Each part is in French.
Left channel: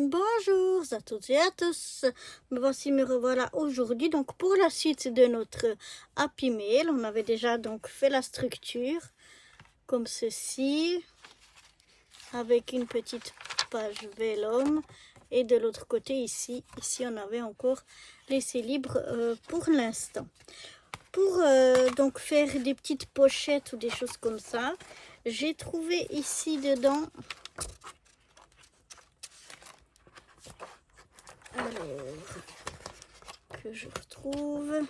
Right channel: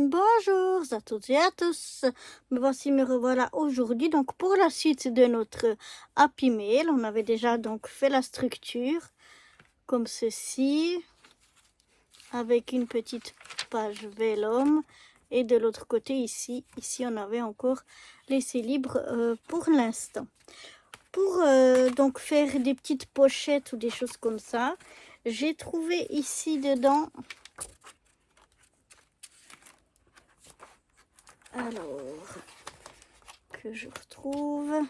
Bonjour à toutes et à tous, me revoilà aujourd'hui donc pour la suite de notre Happy Mail. On avait déjà donc fait la structure comme ceci avec une petite page vellum et de l'autre côté ici on avait encore laissé libre pour l'instant. Pour donc faire des petites pochettes ou des choses comme ça, j'ai trouvé ici dedans. Alors, que je retrouve,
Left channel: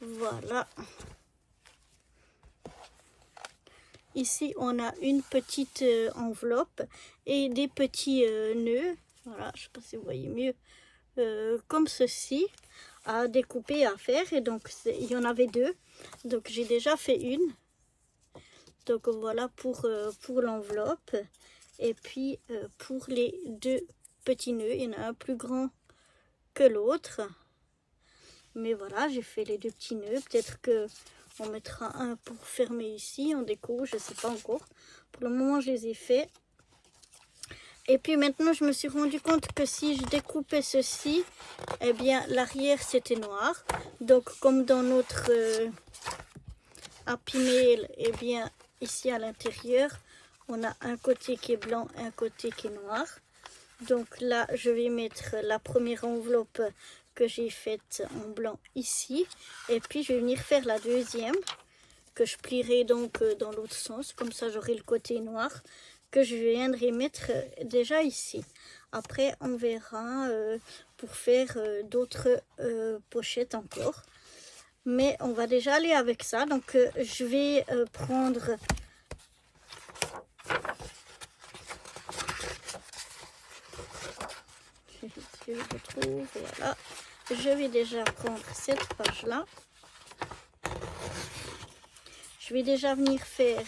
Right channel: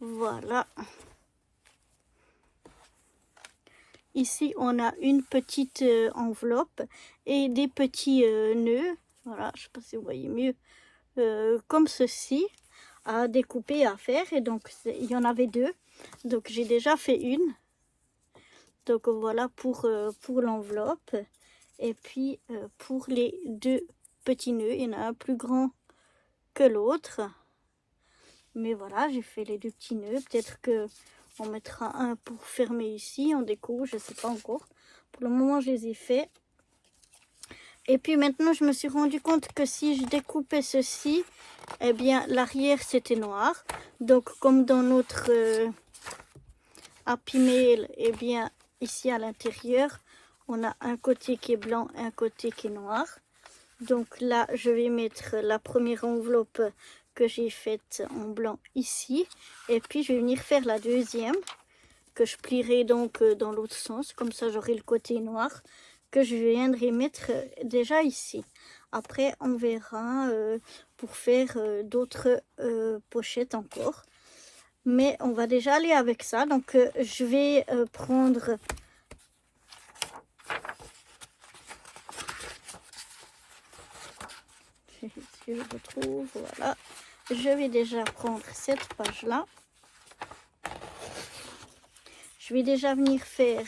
voilà. Ici, on a une petite enveloppe et des petits nœuds, voilà, je ne sais pas si vous voyez mieux, comme ceci, à découper et à faire. Et donc, il y en avait deux, donc j'ai déjà fait une. Donc voilà pour l'enveloppe. Et puis pour les deux petits nœuds, il y en a un plus grand que l'autre. Mais voilà, j'ai fait les deux petits nœuds. Peut-être que on mettra un pour fermer ici, on découpe, je ne sais pas encore. Pour le moment, je les ai faits. Et puis maintenant, je me suis rendu compte que si je découpais ceci, eh bien, l'arrière, c'était noir. Donc, comme dans notre Happy Mail, eh bien, ici à l'intérieur, on a un côté qui est blanc et un côté qui est noir. Donc là, je vais mettre la première enveloppe que j'ai faite en blanc ici. Et puis, je vais venir faire la deuxième, que je plierai donc dans l'autre sens. Comme ça, j'aurai le côté noir que je viendrai mettre déjà ici. Après, on verra pour faire d'autres pochettes encore. Mais on va déjà aller avec ça. Donc, je vais prendre... Je retrouve, voilà. Je vais déjà prendre cette page-là. Je vais déjà venir faire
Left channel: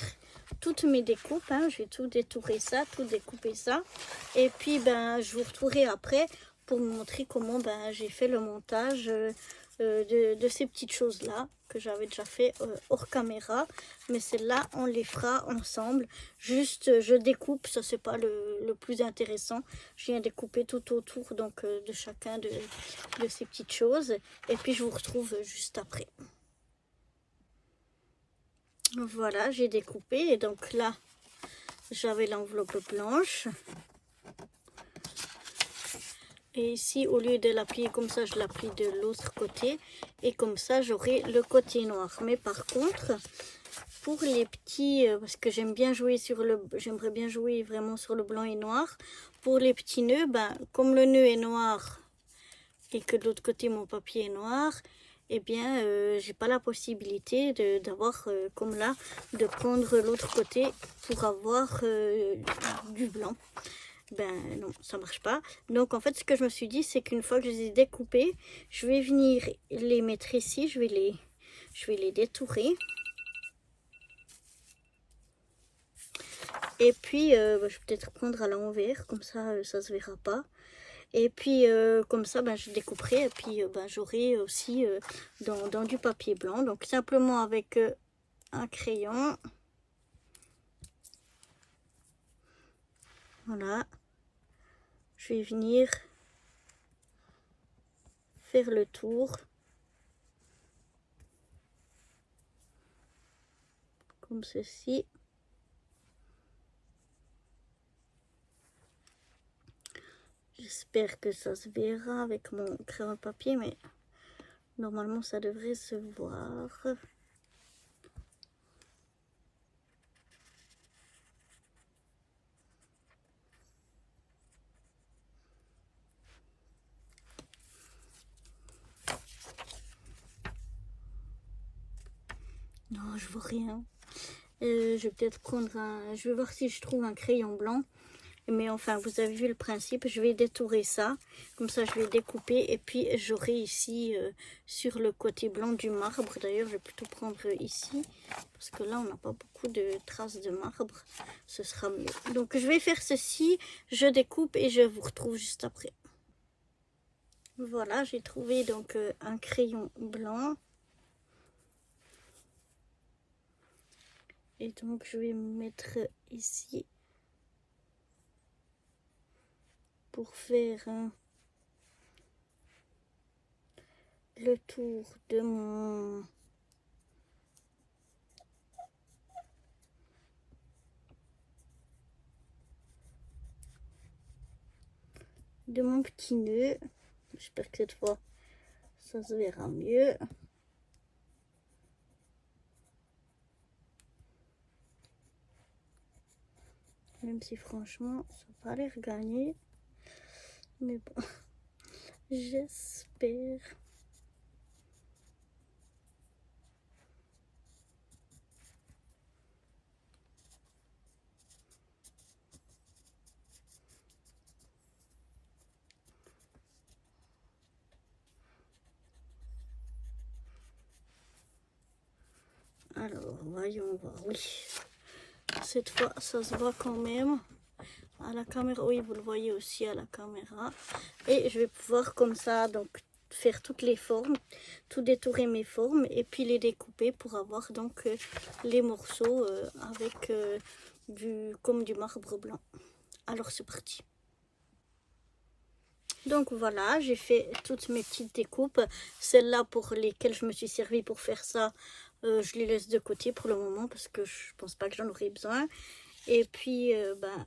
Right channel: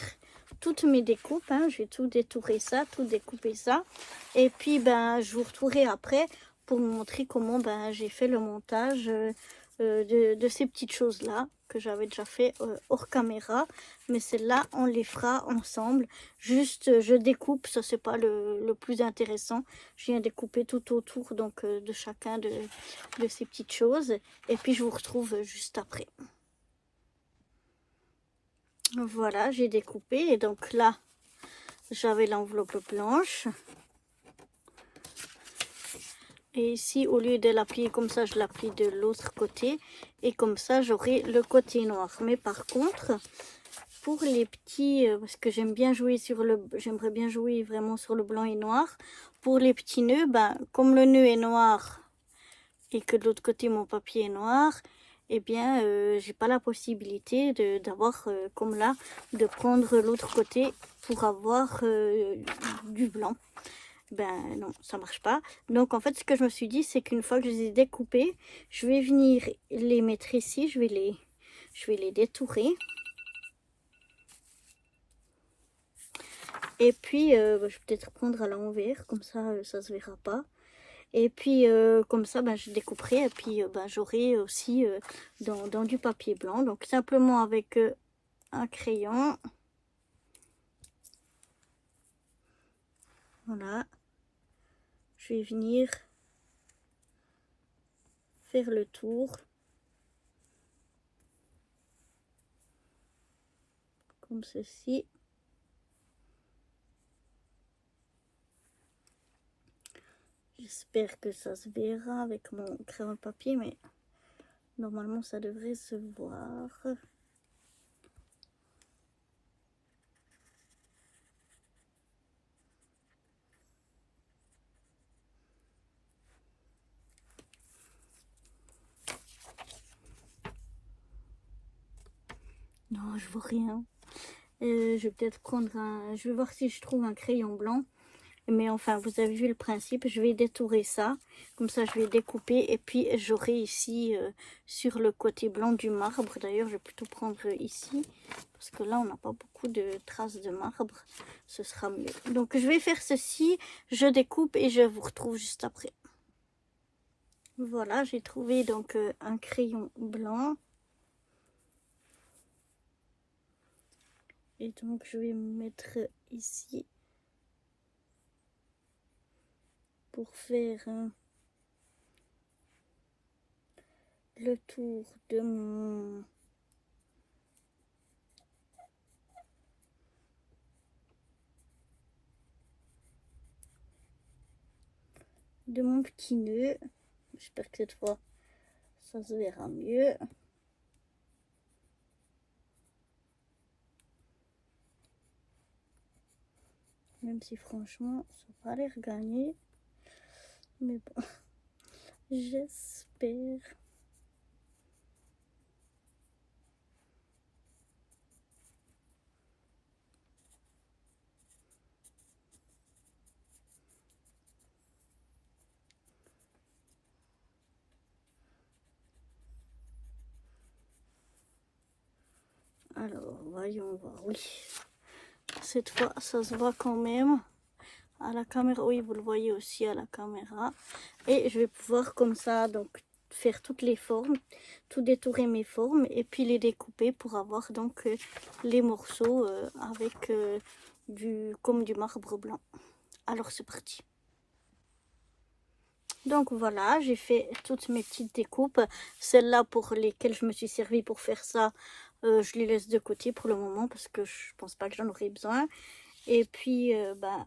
toutes mes découpes. Hein. Je vais tout détourer ça, tout découper ça. Et puis, ben, je vous retrouverai après pour vous montrer comment ben, j'ai fait le montage de ces petites choses-là que j'avais déjà fait hors caméra. Mais celles-là, on les fera ensemble. Juste, je découpe, ça c'est pas le plus intéressant. Je viens découper tout autour donc de chacun de ces petites choses. Et puis, je vous retrouve juste après. Voilà, j'ai découpé et donc là, j'avais l'enveloppe blanche. Et ici, au lieu de la plier comme ça, je la plie de l'autre côté. Et comme ça, j'aurai le côté noir. Mais par contre, pour les petits, parce que j'aimerais bien jouer vraiment sur le blanc et noir. Pour les petits nœuds, ben, comme le nœud est noir et que de l'autre côté, mon papier est noir, eh bien, j'ai pas la possibilité d'avoir, comme là, de prendre l'autre côté pour avoir du blanc. Ben non, ça marche pas. Donc, en fait, ce que je me suis dit, c'est qu'une fois que je les ai découpés, je vais venir les mettre ici. Je vais les détourer. Et puis, je vais peut-être prendre à l'envers, comme ça, ça se verra pas. Et puis, comme ça, ben, je découperai. Et puis, ben, j'aurai aussi dans du papier blanc. Donc, simplement avec un crayon. Voilà. Je vais venir faire le tour. Comme ceci. J'espère que ça se verra avec mon crayon papier, mais normalement ça devrait se voir. Non, je vois rien. Je vais peut-être prendre un... Je vais voir si je trouve un crayon blanc. Mais enfin, vous avez vu le principe. Je vais détourer ça. Comme ça, je vais découper. Et puis, j'aurai ici, sur le côté blanc du marbre. D'ailleurs, je vais plutôt prendre ici. Parce que là, on n'a pas beaucoup de traces de marbre. Ce sera mieux. Donc, je vais faire ceci. Je découpe et je vous retrouve juste après. Voilà, j'ai trouvé donc un crayon blanc. Et donc, je vais me mettre ici pour faire le tour de mon petit nœud. J'espère que cette fois ça se verra mieux. Même si franchement ça n'a pas l'air gagné, mais bon, j'espère. Alors, voyons voir. Oui, cette fois, ça se voit quand même à la caméra. Oui, vous le voyez aussi à la caméra. Et je vais pouvoir comme ça, donc, faire toutes les formes, tout détourer mes formes et puis les découper pour avoir donc les morceaux avec comme du marbre blanc. Alors, c'est parti. Donc voilà, j'ai fait toutes mes petites découpes. Celles-là pour lesquelles je me suis servi pour faire ça, je les laisse de côté pour le moment parce que je pense pas que j'en aurai besoin. Et puis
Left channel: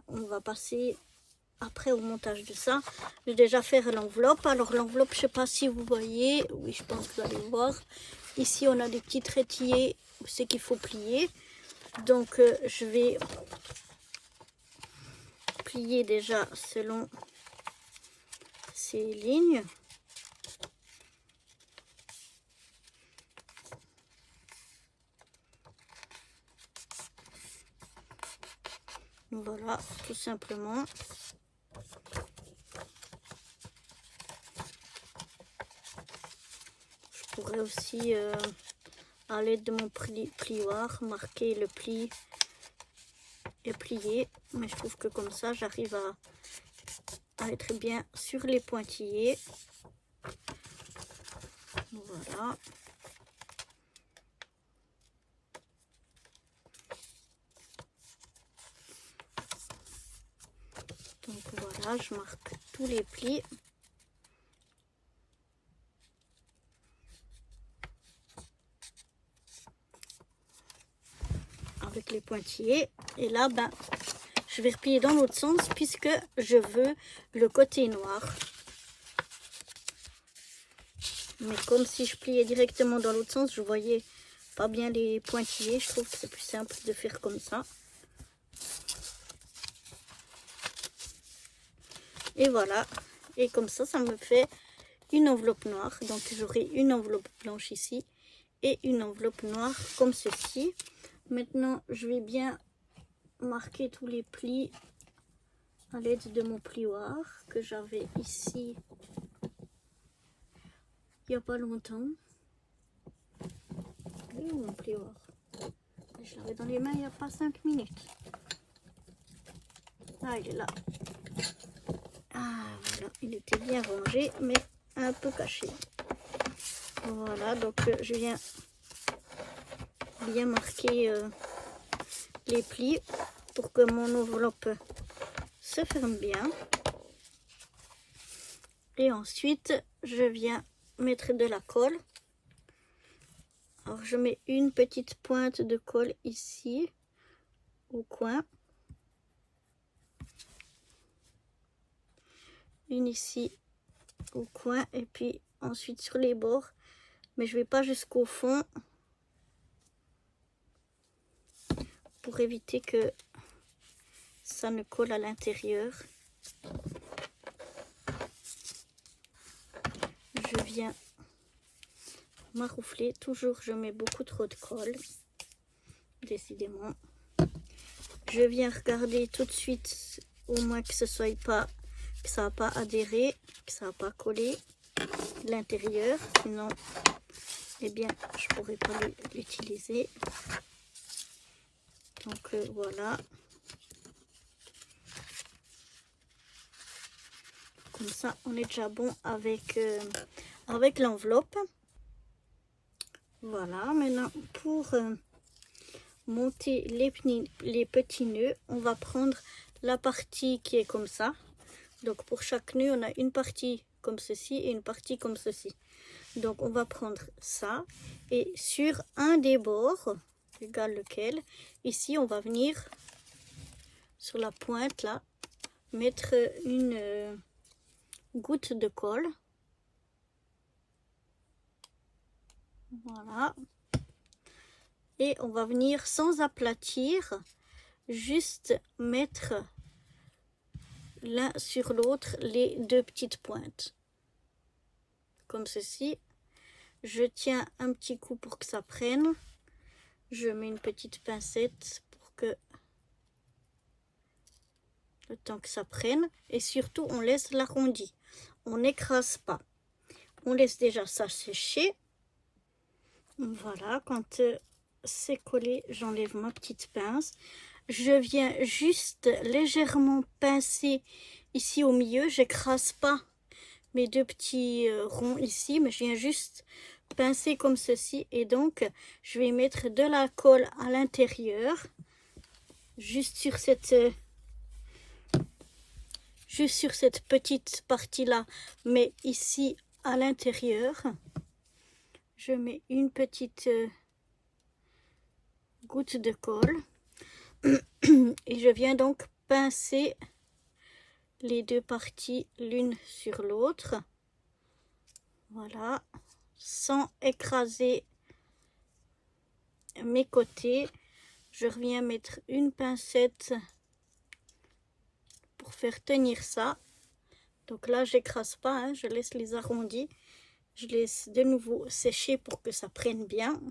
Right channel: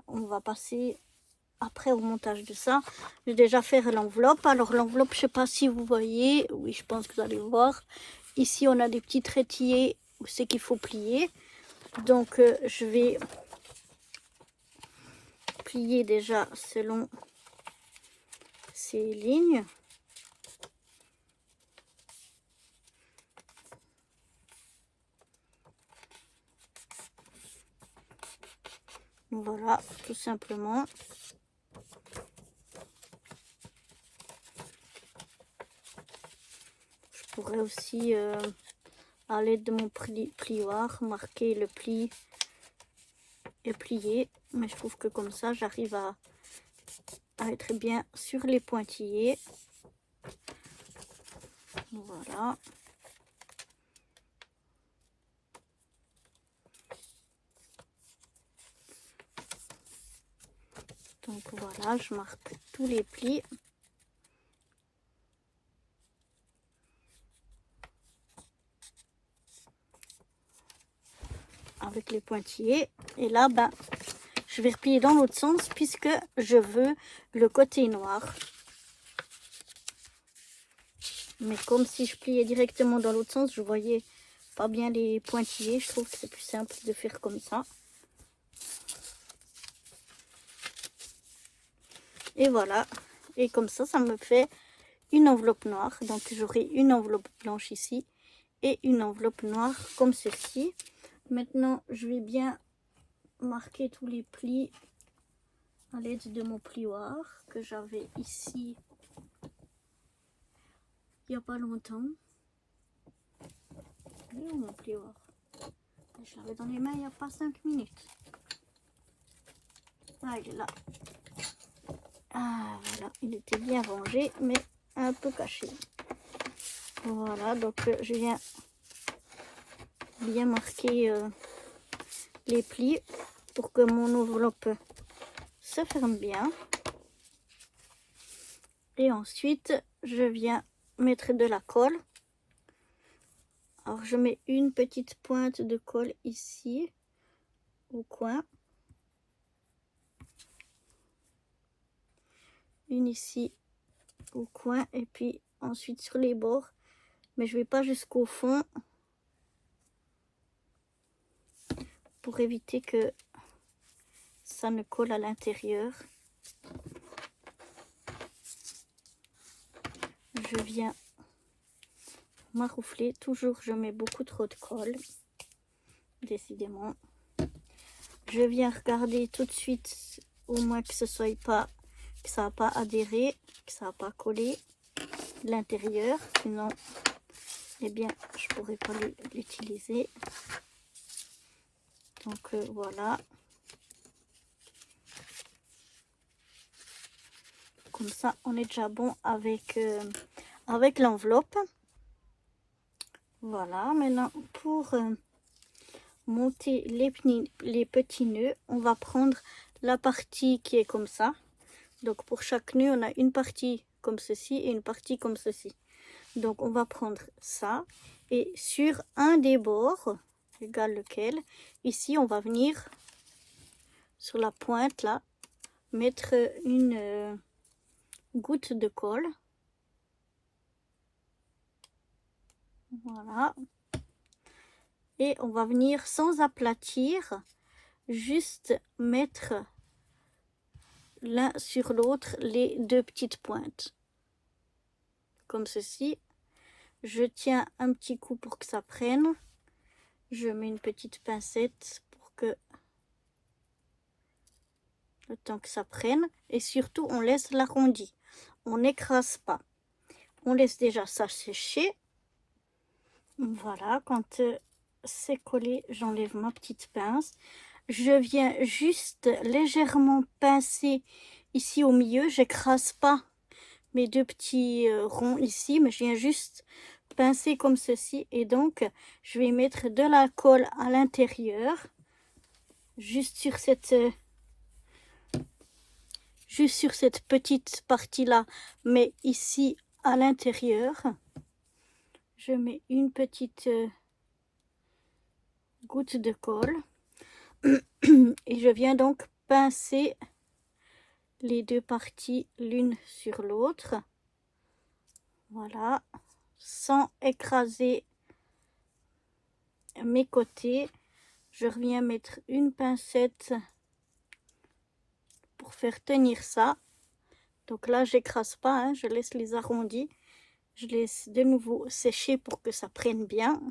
on va passer après au montage de ça. J'ai déjà fait l'enveloppe. Alors l'enveloppe, je sais pas si vous voyez, oui je pense que vous allez voir. Ici on a des petits traitillés où c'est qu'il faut plier. Donc je vais plier déjà selon ces lignes. Voilà, tout simplement. Je pourrais aussi, à l'aide de mon plioir, marquer le pli et plier. Mais je trouve que comme ça, j'arrive à être bien sur les pointillés. Voilà. Donc voilà, je marque tous les plis. Avec les pointillés. Et là, je vais replier dans l'autre sens puisque je veux le côté noir. Mais comme si je pliais directement dans l'autre sens, je voyais pas bien les pointillés. Je trouve que c'est plus simple de faire comme ça. Et voilà. Et comme ça me fait une enveloppe noire. Donc j'aurai une enveloppe blanche ici et une enveloppe noire comme ceci. Maintenant, je vais bien marquer tous les plis à l'aide de mon plioir que j'avais ici il n'y a pas longtemps. Où mon plioir? Je l'avais dans les mains il n'y a pas 5 minutes. Ah, il est là. Ah, voilà, il était bien rangé, mais un peu caché. Voilà, donc je viens bien marquer les plis pour que mon enveloppe se ferme bien. Et ensuite, je viens mettre de la colle. Alors, je mets une petite pointe de colle ici, au coin. Une ici, au coin. Et puis, ensuite sur les bords. Mais je ne vais pas jusqu'au fond. Pour éviter que ça ne colle à l'intérieur. Je viens maroufler. Toujours, je mets beaucoup trop de colle. Décidément. Je viens regarder tout de suite, au moins que ce soit pas, que ça n'a pas adhéré, que ça n'a pas collé l'intérieur. Sinon, eh bien, je pourrais pas l'utiliser. Donc voilà. Comme ça, on est déjà bon avec l'enveloppe. Voilà, maintenant pour monter les petits nœuds, on va prendre la partie qui est comme ça. Donc pour chaque nœud, on a une partie comme ceci et une partie comme ceci. Donc on va prendre ça et sur un des bords, égal lequel, ici on va venir sur la pointe là, mettre une goutte de colle. Voilà. Et on va venir sans aplatir, juste mettre l'un sur l'autre les deux petites pointes. Comme ceci. Je tiens un petit coup pour que ça prenne. Je mets une petite pincette pour que le temps que ça prenne. Et surtout, on laisse l'arrondi. On n'écrase pas. On laisse déjà ça sécher. Voilà, quand c'est collé, j'enlève ma petite pince. Je viens juste légèrement pincer ici au milieu. J'écrase pas mes deux petits ronds ici, mais je viens juste pincer comme ceci. Et donc, je vais mettre de la colle à l'intérieur, juste sur cette petite partie-là, mais ici à l'intérieur. Je mets une petite goutte de colle et je viens donc pincer les deux parties l'une sur l'autre. Voilà, sans écraser mes côtés. Je reviens mettre une pincette pour faire tenir ça. Donc là, j'écrase pas, hein, je laisse les arrondis. Je laisse de nouveau sécher pour que ça prenne bien.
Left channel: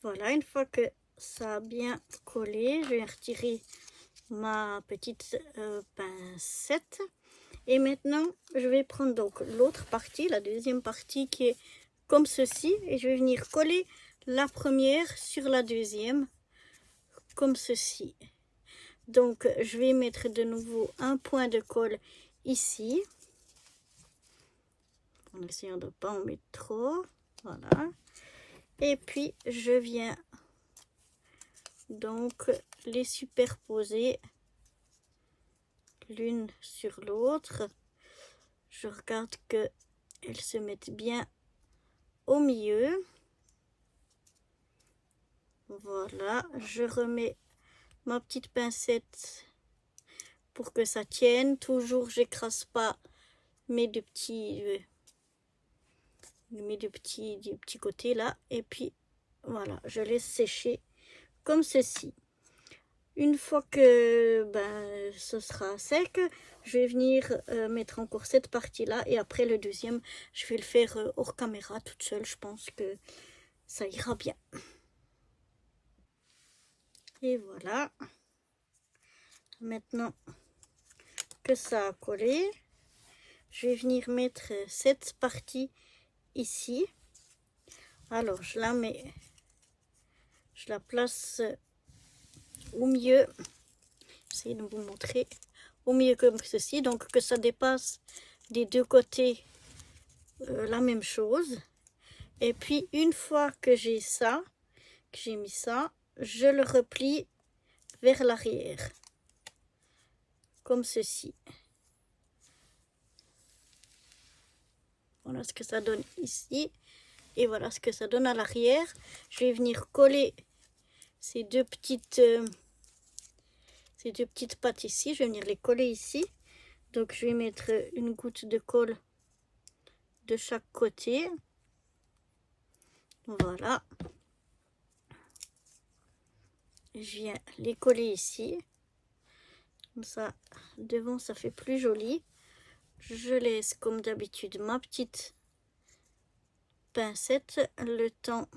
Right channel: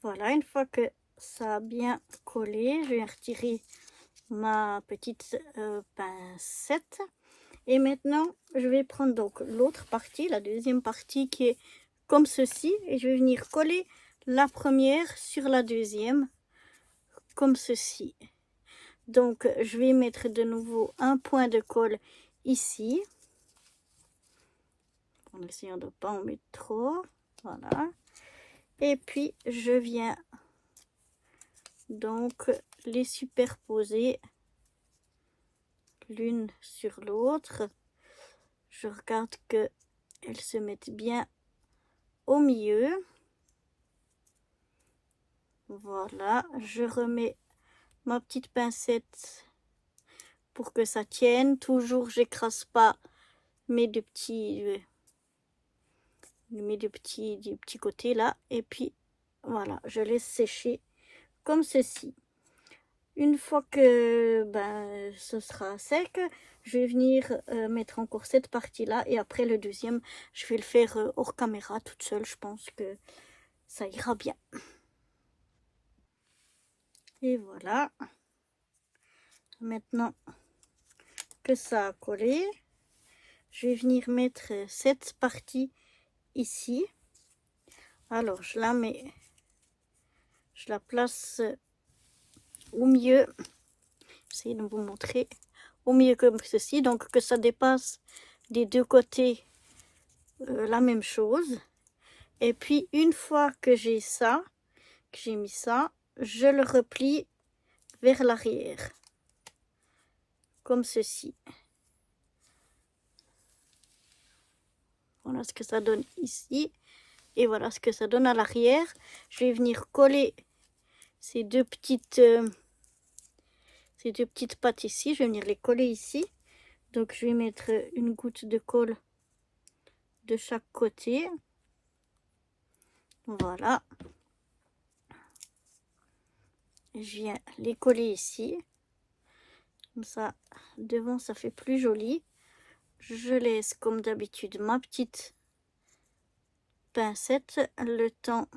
Voilà, une fois que ça a bien collé, je vais retirer ma petite pincette. Et maintenant, je vais prendre donc l'autre partie, la deuxième partie qui est comme ceci. Et je vais venir coller la première sur la deuxième, comme ceci. Donc, je vais mettre de nouveau un point de colle ici. En essayant de ne pas en mettre trop. Voilà. Et puis, je viens donc les superposer l'une sur l'autre. Je regarde que elles se mettent bien au milieu. Voilà, je remets ma petite pincette pour que ça tienne. Toujours, j'écrase pas mes deux petits du petit côté là. Et puis, voilà, je laisse sécher comme ceci. Une fois que ce sera sec, je vais venir mettre encore cette partie-là. Et après, le deuxième, je vais le faire hors caméra toute seule. Je pense que ça ira bien. Et voilà. Maintenant que ça a collé, je vais venir mettre cette partie ici. Alors, je la mets, je la place au milieu. J'essaie de vous montrer. Au milieu comme ceci, donc que ça dépasse des deux côtés la même chose. Et puis, une fois que j'ai ça, que j'ai mis ça, je le replie vers l'arrière. Comme ceci. Voilà ce que ça donne ici. Et voilà ce que ça donne à l'arrière. Je vais venir coller ces deux petites pattes ici. Je vais venir les coller ici. Donc je vais mettre une goutte de colle de chaque côté. Voilà. Je viens les coller ici. Comme ça, devant, ça fait plus joli. Je laisse comme d'habitude ma petite pincette le temps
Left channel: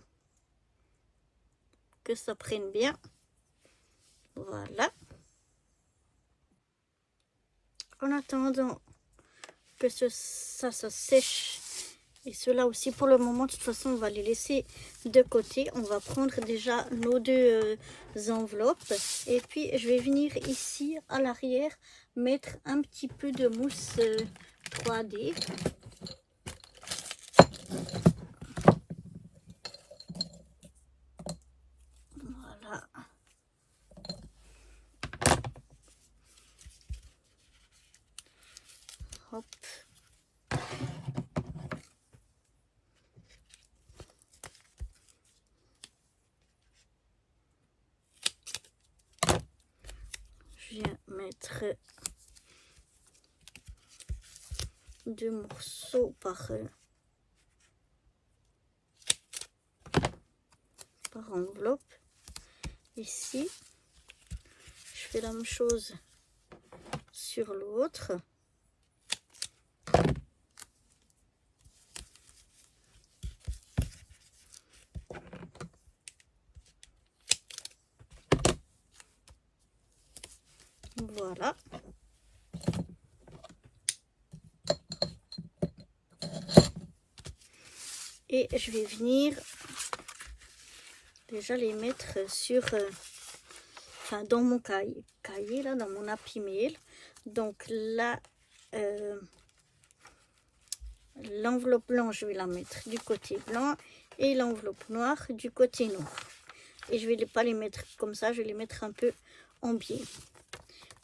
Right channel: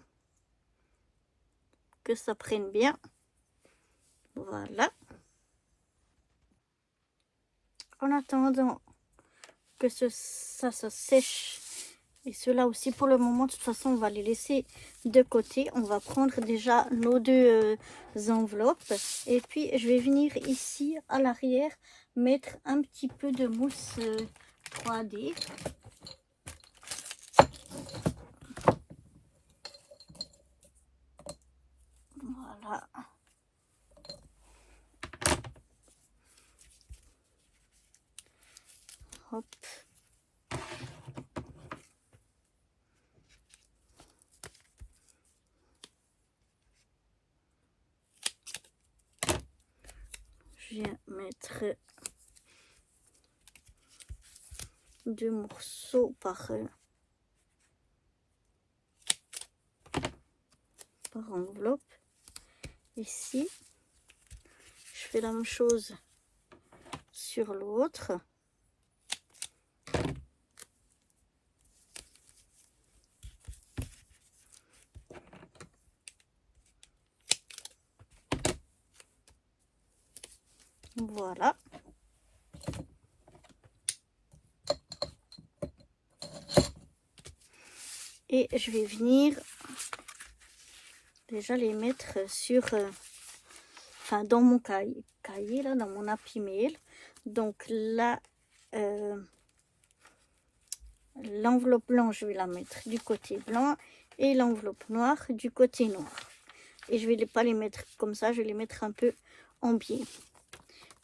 que ça prenne bien. Voilà. En attendant que ça sèche, et cela aussi pour le moment, de toute façon, on va les laisser de côté. On va prendre déjà nos deux enveloppes. Et puis, je vais venir ici à l'arrière mettre un petit peu de mousse 3D. Voilà. Hop. Je viens mettre 2 morceaux par enveloppe. Ici, je fais la même chose sur l'autre. Voilà. Et je vais venir déjà les mettre sur, enfin dans mon cahier là, dans mon Happy Mail. Donc là, l'enveloppe blanche, je vais la mettre du côté blanc et l'enveloppe noire du côté noir. Et je vais pas les mettre comme ça, je vais les mettre un peu en biais.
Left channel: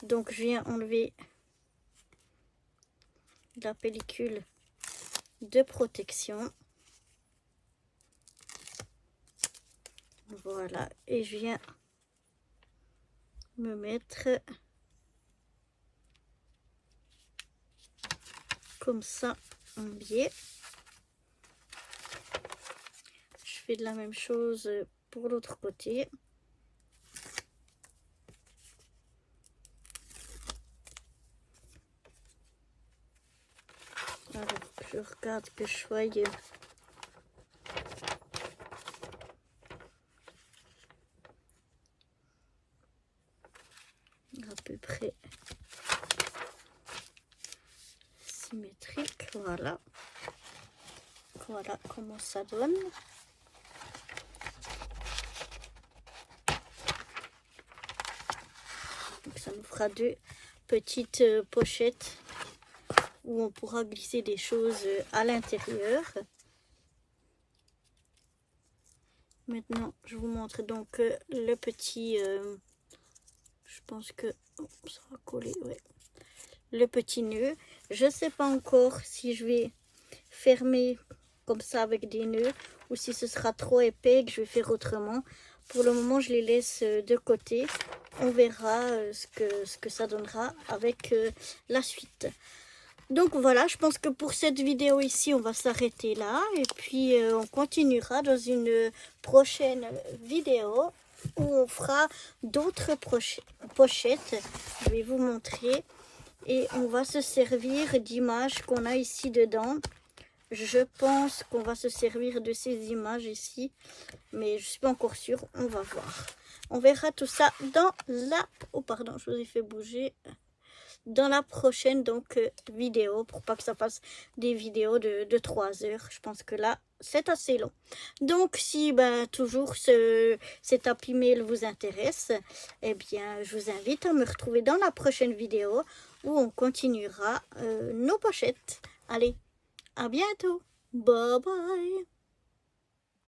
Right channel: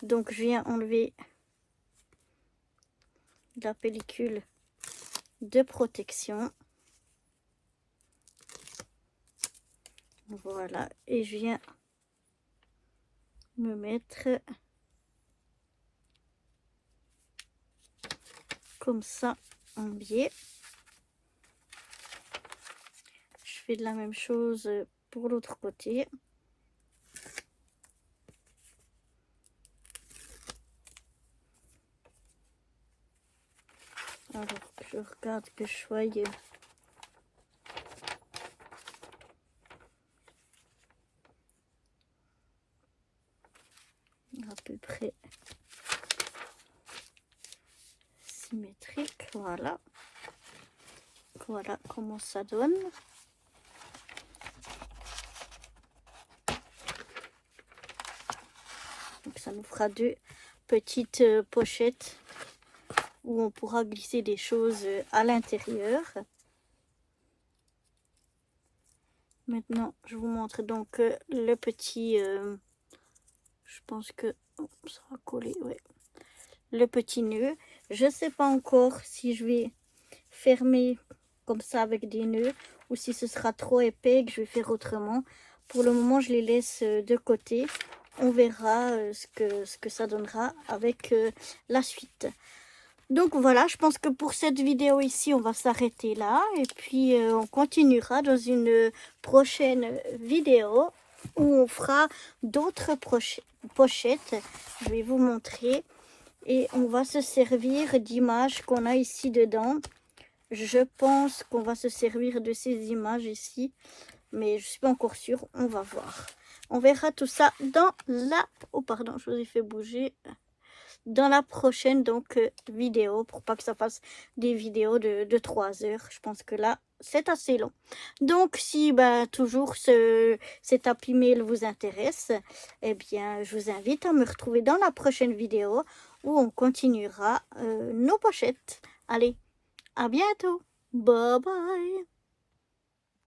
Donc je viens enlever la pellicule de protection. Voilà, et je viens me mettre comme ça en biais. Je fais de la même chose pour l'autre côté. Alors, je regarde que je sois à peu près symétrique. Voilà. Voilà comment ça donne. Donc ça nous fera 2 petites pochettes où on pourra glisser des choses à l'intérieur. Maintenant, je vous montre donc le petit, je pense que ça va coller, ouais. Le petit nœud. Je sais pas encore si je vais fermer comme ça avec des nœuds ou si ce sera trop épais et que je vais faire autrement. Pour le moment, je les laisse de côté. On verra ce que ça donnera avec la suite. Donc voilà, je pense que pour cette vidéo ici, on va s'arrêter là. Et puis, on continuera dans une prochaine vidéo où on fera d'autres pochettes. Je vais vous montrer. Et on va se servir d'images qu'on a ici dedans. Je pense qu'on va se servir de ces images ici. Mais je ne suis pas encore sûre. On va voir. On verra tout ça dans la... Oh pardon, je vous ai fait bouger. Dans la prochaine donc vidéo, pour pas que ça fasse des vidéos de 3 heures. Je pense que là c'est assez long. Donc si toujours cet Happy Mail vous intéresse, eh bien je vous invite à me retrouver dans la prochaine vidéo où on continuera nos pochettes. Allez, à bientôt, bye bye.